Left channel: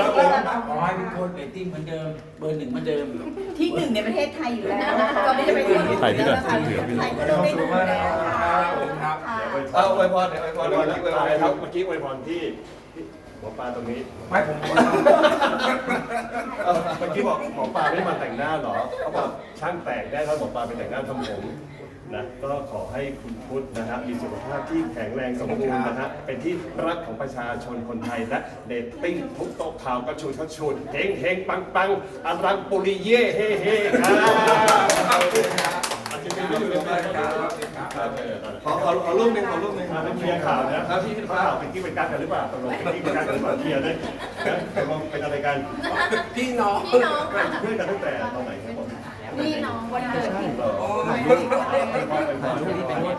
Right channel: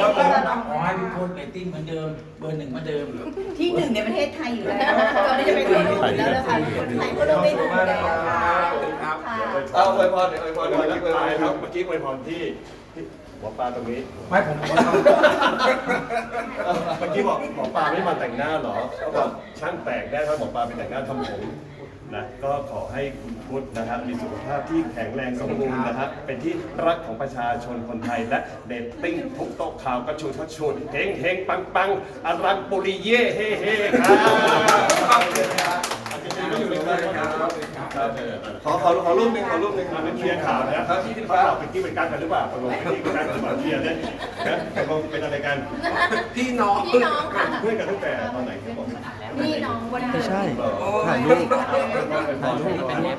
ครับผมขอให้ทุกคนเรตติ้งเหมือนเดิม เบอร์หนึ่งเหมือนเดิมที่หนึ่งในประเทศไทยอยู่แล้วนะคะก็ไม่จะไปทั่วโลกอยู่แล้วนะคะไทยก็เริ่มได้ดูแล้วค่ะเอาอวยพรเดี๋ยวอวยพรเดี๋ยวเมื่อกี้อวยพรครับเมื่อกี้อวยพรที่ที่หมอปลาตรงนี้ ไม่ผมเอ้าเมื่อ กี้บอกหมอปลาไม่มาแต่งหน้าเหรอเขาบอกช่างแปลกแน่ถ้าหมอปลาไปแต่งหน้าทำผมนะก็ขอให้คุณพุทธนะครับมีสุขภาพที่แข็งแรงสมบูรณ์นะครับเป็นที่รักของประชาชนคนไทยและเดตติ้งทุกโต๊ะข่าวกระชูชดชุดเฮงเฮงปังปังอรังปุริเย่เฮ่เฮ่ครับ ไม่อยู่ในนั้นนะครับขอขอขอรูปหนึ่งขอรูปหนึ่งมาเป็นเคลียร์ข่าวนะเขาที่ข่าวเป็นกิ๊กเป็นการกันหรือเปล่าตกลงเป็นกิ๊กเป็นการกันหรือเปล่าเคลียร์เลยนะตกลงเป็นอะไรกันพี่น้องพี่น้องค่ะเพื่อนกันตั้งแต่ตอนไหนครับผมพี่น้องวันไม่ใช่ถ่ายรูปถ่ายรูปนี่เป็นเล็บ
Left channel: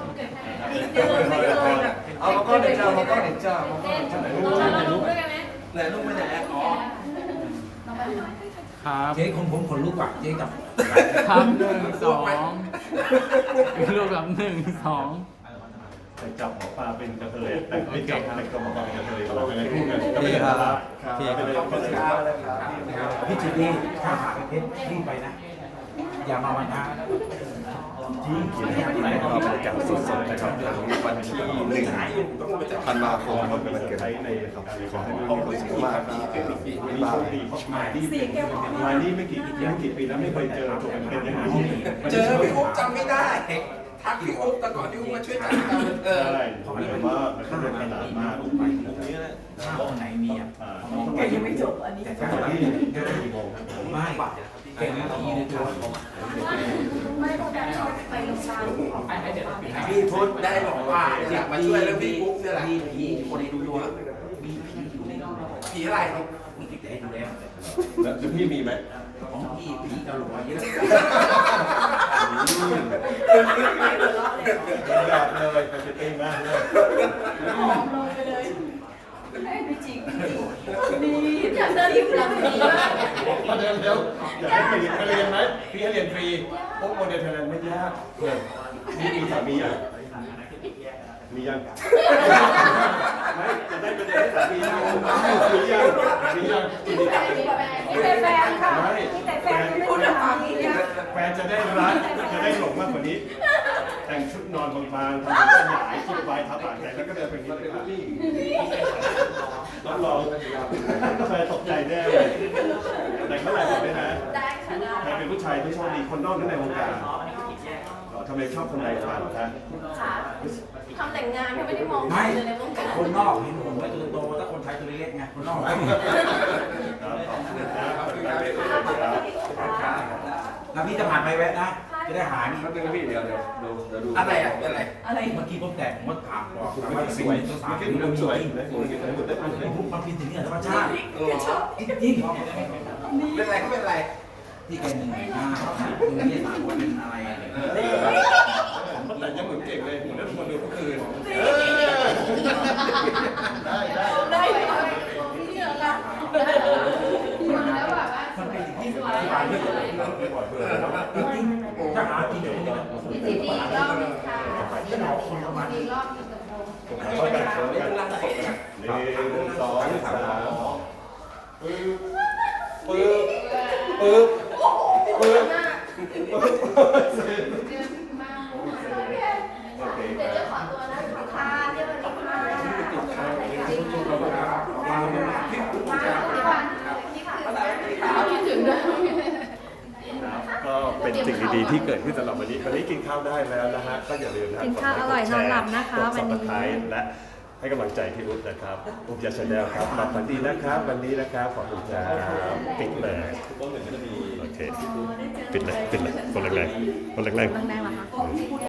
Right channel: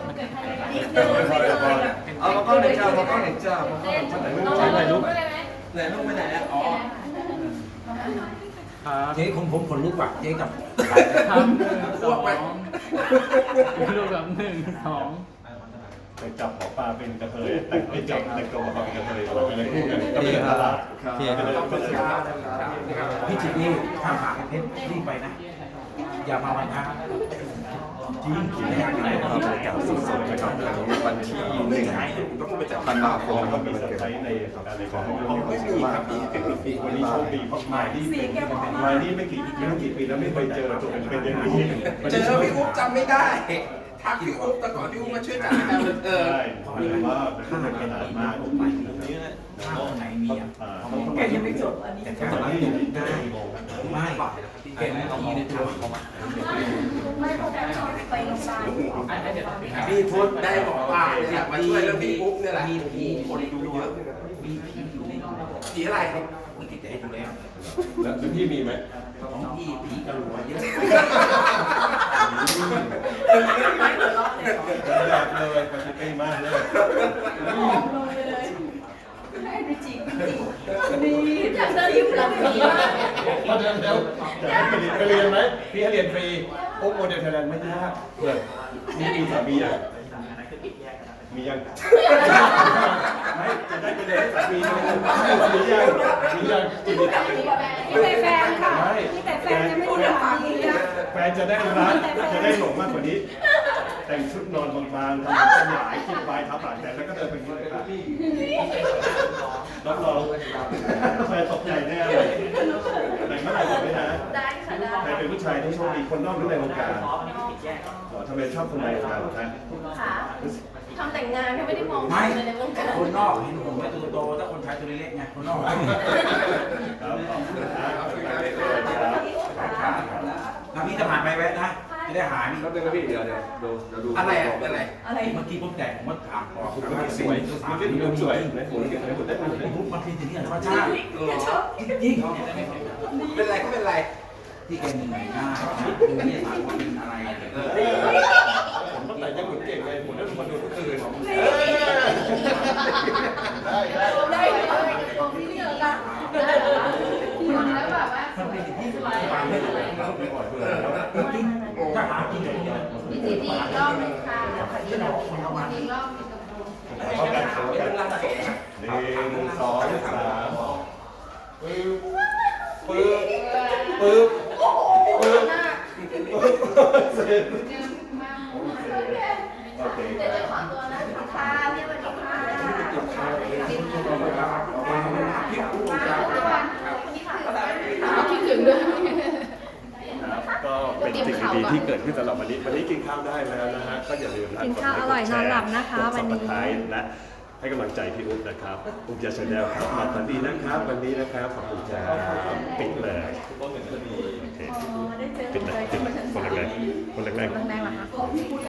ไม่เคยแบบเอามากล้องไหนจ้ามากล้องไหนจ้ามากล้องไหนจ้าถ่ายรูปไหนรูปไปไหนอ่ะอ๋อเจ๊คงผมขนลุกว่ะเจ๊กับ ครับหนึ่งสองรูปกับหนึ่งสองแต่จับหมอปลาเป็นกระเทยแต่ไม่จับแต่ก็หมอปลาเป็นกระเทยเราเลยคู่กันดีครับพี่ขอบคุณครับพี่จิตนี่ถ้าหาเพชรรีบไปนะ อย่ามาวันนะ จริงบรรยากาศสดๆนะครับวันที่หนึ่งพันบาคงต้องมีเซอร์ไพรส์ในสัปดาห์นี้ของห้องไม่มีครับมีวันนี้โชคดีเพราะมาที่เป็นมาที่ไม่กี่ไม่กี่ปีแล้วไม่เคยเจอตัวเป็นย่างนี้เจอพี่อุ๊บจำไม่ได้ทักพี่อุ๊บแต่ก่อนพี่อุ๊บมาช่วยจัดการเออใช่แต่ว่ามันเป็นขนาดมากห้องไหนมีอะแกยังไม่จบอันนี้ ไมงไม่เป็นทีในตัวไม่เขาจะชอบไปโรงพยาบาลพี่พุทธได้บอกว่าอยากมาช่วยเรื่องพี่อุ๊บเนี่ยแหละมีผีคนดูเยอะมีผีอยู่ในผีอะไรครับคุณติดแต่ดูแล้วแล้วพี่มีไหมของพี่ผีกระโหลกเยอะไม่หัวเราะเลยแบบเลยปฏิทินมากเลยลงไปเลยไม่จริงนี่อยากจะรีบลงนี้ มาเดินเร็วอยากให้ไปเรียนไปเรียนไหมพี่ให้เรียนฟรีพวกโมเดลไทยแลนด์ไม่ยากเพื่อนมีมีสามีอะมียังไม่จะได้ไปเรียนให้สามีมียังมียังกินดีจังมีแต่แฟนค่ะไม่มีแต่แฟนนไม่พูดแบบนี้นะแฟนจะได้รักจะได้หลงมากกว่านี้ แต่งชุดนอนบางๆทำเป็นหลายคิดไว้ทับหลายแต่แล้วก็เดินไปนี่เลยครับนี่รับรองแฟนตกใจแน่เลยแต่เมื่อไหร่บอกไหมฮะได้ค่ะได้ใครเป็นผู้ชายที่โชคดีคนนอกหรือในวงการอ๋อทำไมชอบคนในวงการเหรอคะค่ะทำแต่งงานถ้าไม่ได้มองไม่เลยในวงการคนนอกเห็นผมไม่ตัวโตถ้าคนไทยตัวเล็กไงคนนอกครับขอบคุณครับขอบคุณครับแล้วพี่จะผ่านไปแวะนะ จะได้หายนี่ครับนึงพี่เดี๋ยวเดี๋ยวดูเดี๋ยวดูอะไรอะเป็นอะไรอะไรเมื่อกี้ผมแจกผมว่าถามก่อนสวยมันเป็นมุมสวยไหนหมุนกันหมุนได้ไหมมันเป็นอย่างนี้ธรรมชาติชอบจริงเป็นอะไรก็เป็นอะไรๆที่แกเหนื่อยง่ายนะคือไม่ได้ถามว่าเป็นอะไรอะไรผมตั้งแต่ยังหมุนเก่งเลยหมุนแล้วคนดูทุกคืนได้ได้ ได้เลยพี่เหนือละแล้วแบบว่า มันเป็นสิ่งที่ที่ผ่านไม่ได้ไม่บ่อยเพื่อนจริงๆ ถ้าหากินอย่างนี้นะพี่จีดีรอบนึงค่ะพี่หนอคนละวันอีกรอบนึงเข้ากันเข้ากันหนึ่งสองสามปึ๊บปึ๊บปึ๊บปึ๊บโอเคเดี๋ยวจะขอตัวนะขอทานเรียกวันนี้ค่ะคิดถึงด้วย ก็เป็นสิ่ง ดีๆที่เกิดขึ้นสำหรับวันนี้ วันนี้กินข้าวได้แล้วนะฮะ ก็อย่าลืมนะกินข้าวอร่อยนอนหลับนะคะวันนี้กด subscribe และให้กำลังใจพี่อุ๊บนะครับอุ๊บยาชาแนลครับมาฝันดีนะครับ วันนี้นะครับ ขอบคุณครับปิดเลยโอเคปิดเลยปิดเลยคนแรงๆคนแรงๆแรงๆเหรอคะ